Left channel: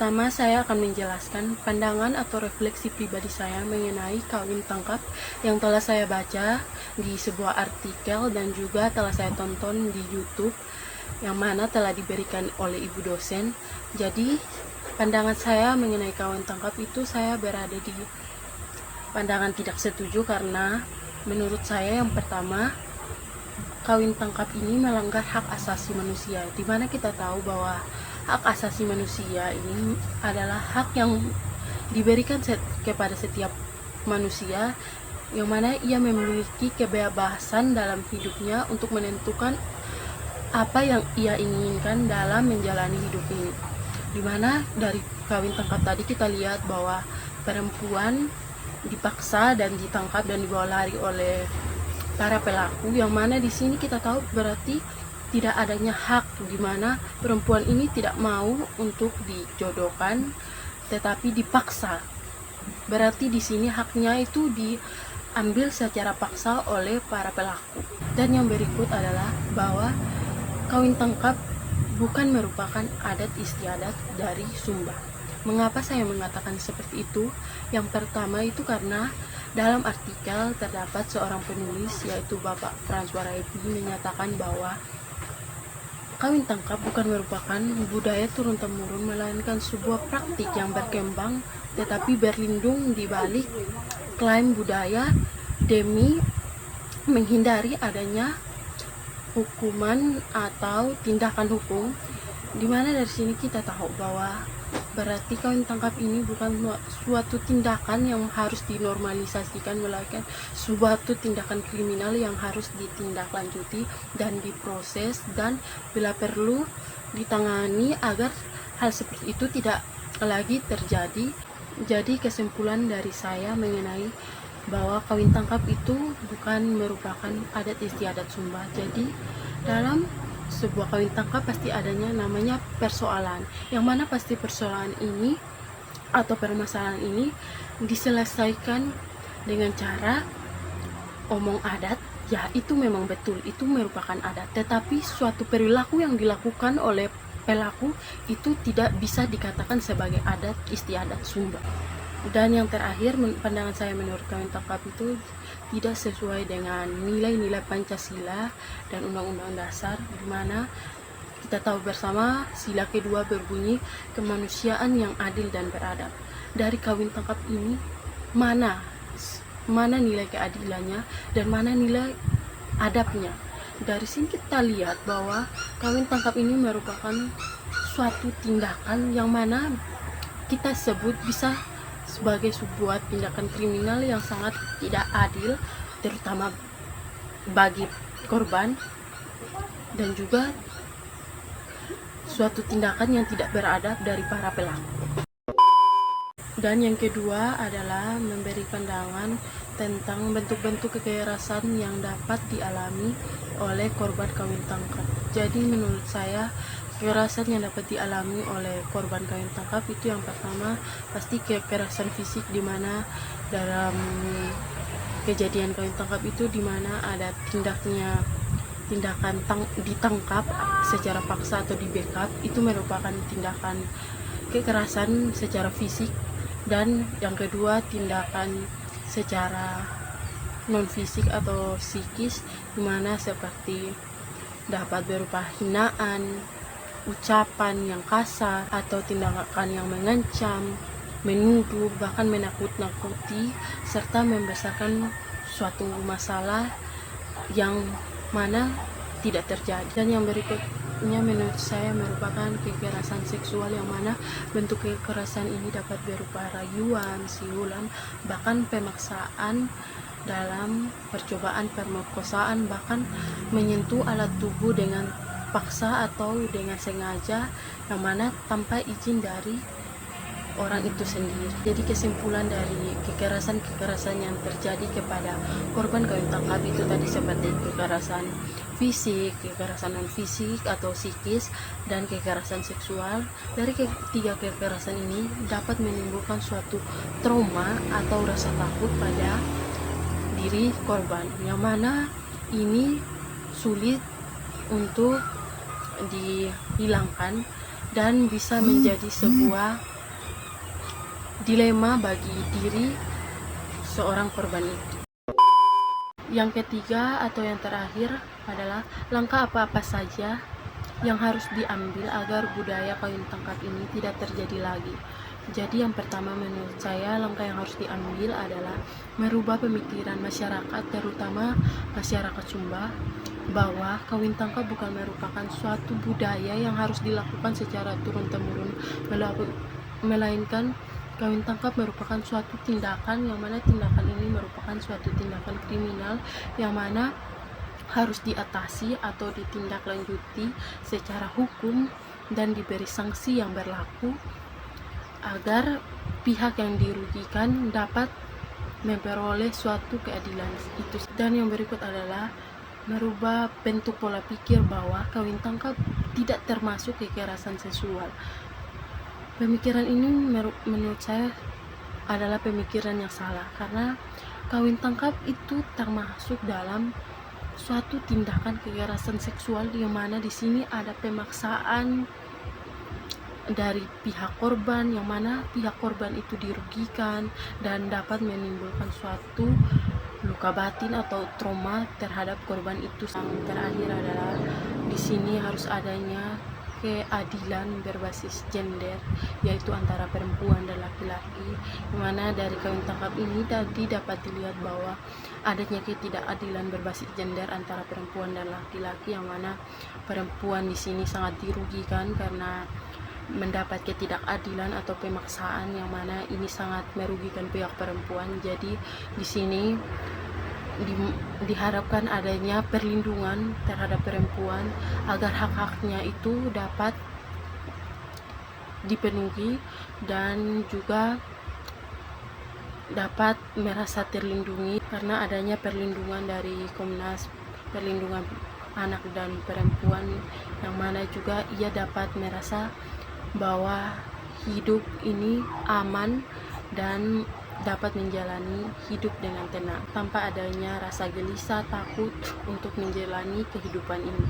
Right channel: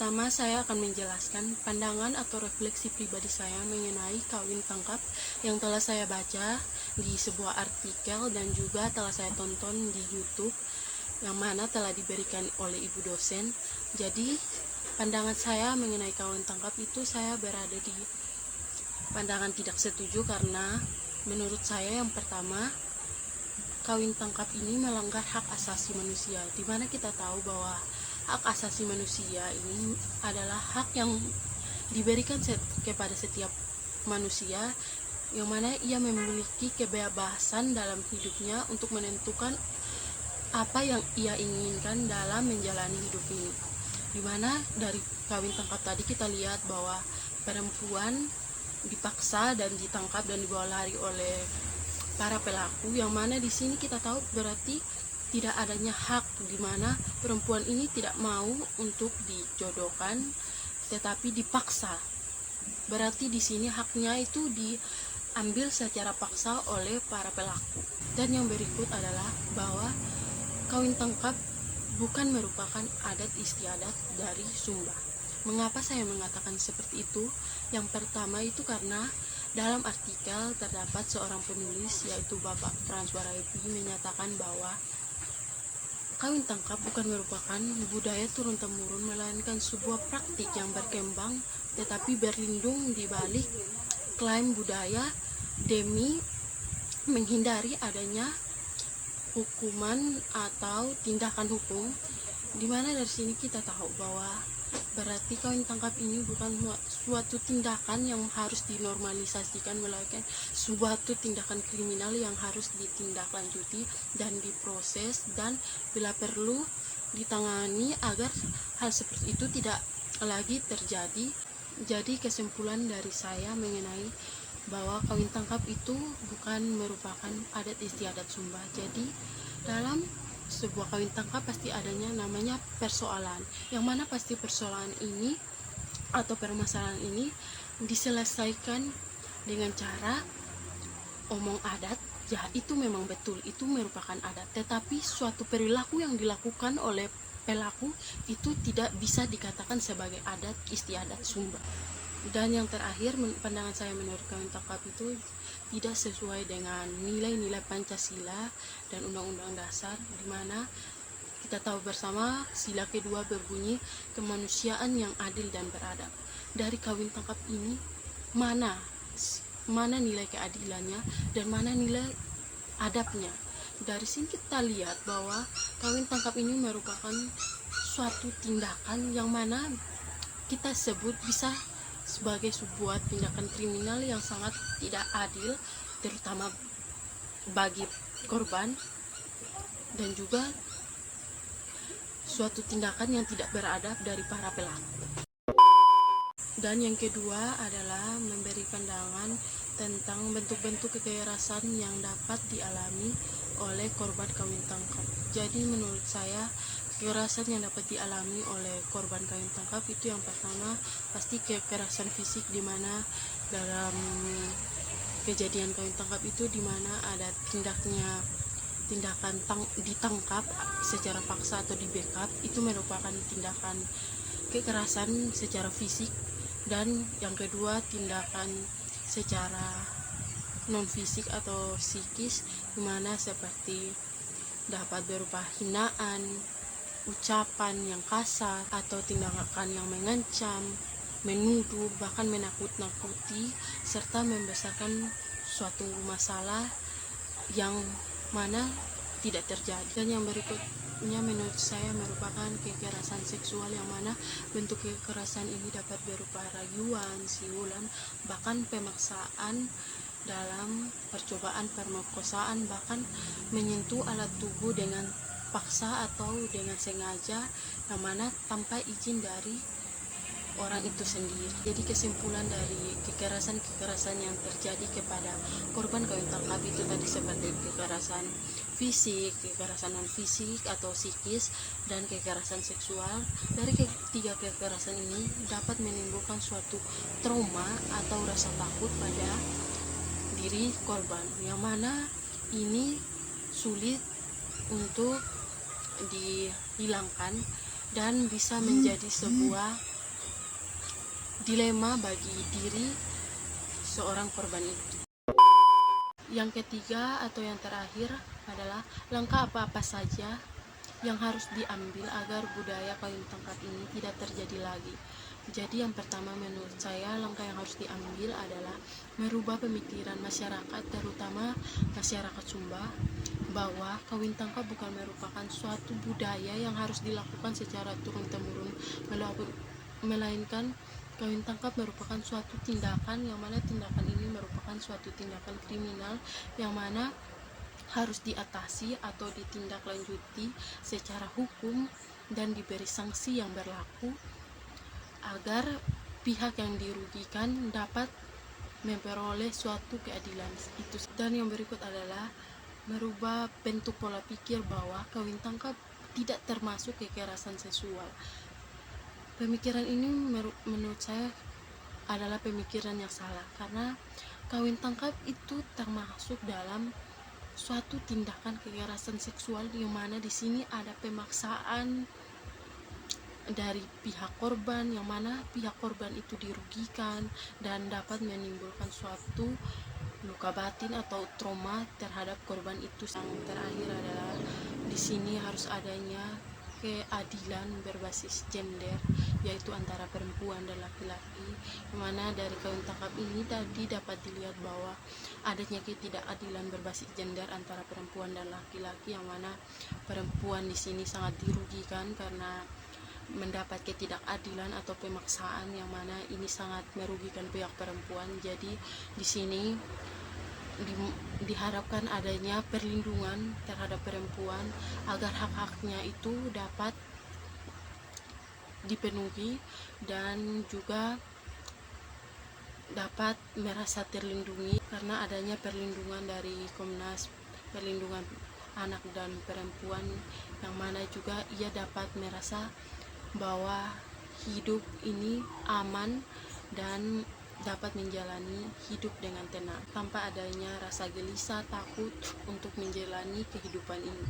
pertama saya akan menjelaskan pandangan atau refleksi pribadi saya mengenai kawin tangkap yang telah saya baca di sebuah artikel dan juga telah saya tonton di YouTube yang mana telah diberikan oleh ibu dosen. Jadi pandangan saya mengenai kawin tangkap itu saya berada di pandangan tidak setuju karena menurut saya yang pertama, kawin tangkap ini melanggar hak asasi manusia, di mana kita tahu bahwa hak asasi manusia ini adalah hak yang diberikan kepada setiap manusia, yang mana ia memiliki kebebasan dalam hidupnya untuk menentukan apa yang ia inginkan dalam menjalani hidup ini. Dimana dari kawin tangkap tadi kita lihat bahwa perempuan dipaksa dan ditangkap dan dibawa lari oleh para pelaku, yang mana di sini kita tahu berarti tidak adanya hak, di mana perempuan ini tidak mau untuk dijodohkan tetapi dipaksa. Berarti di sini haknya itu diambil secara paksa oleh para pelaku. Dan yang berikut adalah bahwa kawin tangkap bukan merupakan adat istiadat dari Sumba. Mengapa saya mengatakan seperti itu? Yang pertama itu karena dalam artikel terdapat seorang penulis yaitu Bapak Frans Baraibi menyatakan bahwa kawin tangkap bukan merupakan budaya turun-temurun, melainkan sebuah praktik yang berkembang tetapi berlindung di balik klaim budaya demi menghindari adanya hukuman atau tindakan hukum, di mana dari sini kita tahu bahwa berarti kawin tangkap ini bukan suatu tindakan yang harus dinormalisasikan, melainkan suatu tindakan kriminal yang harus ditindaklanjuti dan diproses dan bila perlu ditangani agar hal seperti itu tidak lagi terjadi. Jadi kesimpulan dari saya mengenai bahwa kawin tangkap itu bukan merupakan adat istiadat Sumba. Jadi dalam sebuah kawin tangkap pasti adanya namanya persoalan, yang mana pasti persoalan ini atau permasalahan ini diselesaikan dengan cara omong adat. Ya, itu memang betul, itu merupakan adat, tetapi suatu perilaku yang dilakukan oleh pelaku itu tidak bisa dikatakan sebagai adat istiadat Sumba. Dan yang terakhir, pandangan saya menurut kawin tangkap itu tidak sesuai dengan nilai-nilai Pancasila dan Undang-Undang Dasar, di mana kita tahu bersama sila kedua berbunyi kemanusiaan yang adil dan beradab. Dari kawin tangkap ini mana nilai keadilannya dan mana nilai adabnya? Dari sini kita lihat bahwa kawin tangkap ini merupakan suatu tindakan yang mana kita sebut bisa sebagai sebuah tindakan kriminal yang sangat tidak adil, terutama bagi korban, dan juga suatu tindakan yang tidak beradab dari para pelaku. Dan yang kedua adalah memberi pandangan tentang bentuk-bentuk kekerasan yang dapat dialami oleh korban kawin tangkap. Jadi menurut saya kekerasan yang dapat dialami oleh korban kawin tangkap itu yang pertama pasti kekerasan fisik, di mana dalam kejadian kawin tangkap itu di mana ada tindakan ditangkap secara paksa atau di-backup, itu merupakan tindakan kekerasan secara fisik. Dan yang kedua tindakan secara non fisik atau psikis, di mana seperti dapat berupa hinaan, ucapan yang kasar, atau tindakan yang mengancam, menuduh, bahkan menakut-nakuti, serta membesarkan suatu masalah yang mana tidak terjadi. Dan yang berikutnya menurut saya merupakan kekerasan seksual, yang mana bentuk kekerasan ini dapat berupa rayuan, siulan, bahkan pemaksaan dalam percobaan pemerkosaan, bahkan menyentuh alat tubuh dengan paksa atau dengan sengaja, yang mana tanpa izin dari orang itu sendiri. Jadi kesimpulan dari kekerasan yang terjadi kepada korban kawin tangkap itu tadi seperti kekerasan fisik, kekerasan non fisik atau psikis, dan kekerasan seksual. Dari ketiga kekerasan ini dapat menimbulkan suatu trauma atau rasa takut pada diri korban, yang mana ini sulit untuk dihilangkan dan bisa menjadi sebuah dilema bagi diri seorang korban itu. Yang ketiga atau yang terakhir adalah langkah apa-apa saja yang harus diambil agar budaya kawin tangkap ini tidak terjadi lagi. Jadi yang pertama menurut saya langkah yang harus diambil adalah merubah pemikiran masyarakat, terutama masyarakat Sumba, bahwa kawin tangkap bukan merupakan suatu budaya yang harus dilakukan secara turun-temurun, melainkan kawin tangkap merupakan suatu tindakan yang mana tindakan ini merupakan suatu tindakan kriminal yang mana harus diatasi atau ditindaklanjuti secara hukum dan diberi sanksi yang berlaku agar pihak yang dirugikan dapat memperoleh suatu keadilan itu. Dan yang berikut adalah merubah bentuk pola pikir bahwa kawin tangkap tidak termasuk kekerasan seksual. Pemikiran ini menurut saya adalah pemikiran yang salah, karena kawin tangkap itu termasuk dalam suatu tindakan kekerasan seksual yang mana di sini ada pemaksaan dari pihak korban, yang mana pihak korban itu dirugikan dan dapat menimbulkan suatu luka batin atau trauma terhadap korban itu. Yang terakhir adalah di sini harus adanya keadilan berbasis gender, yaitu antara perempuan dan laki-laki, dimana dari kawin tangkap ini tadi dapat dilihat bahwa adanya ketidakadilan berbasis gender antara perempuan dan laki-laki, yang mana perempuan di sini sangat dirugikan karena mendapat ketidakadilan atau pemaksaan yang mana ini sangat merugikan pihak perempuan. Jadi di sini diharapkan adanya perlindungan terhadap perempuan agar hak-haknya itu dapat dipenuhi dan juga dapat merasa terlindungi, karena adanya perlindungan dari Komnas Perlindungan Anak dan Perempuan, yang mana juga ia dapat merasa bahwa hidup ini aman dan dapat menjalani hidup dengan tenang tanpa adanya rasa gelisah, takut untuk menjalani kehidupan ini.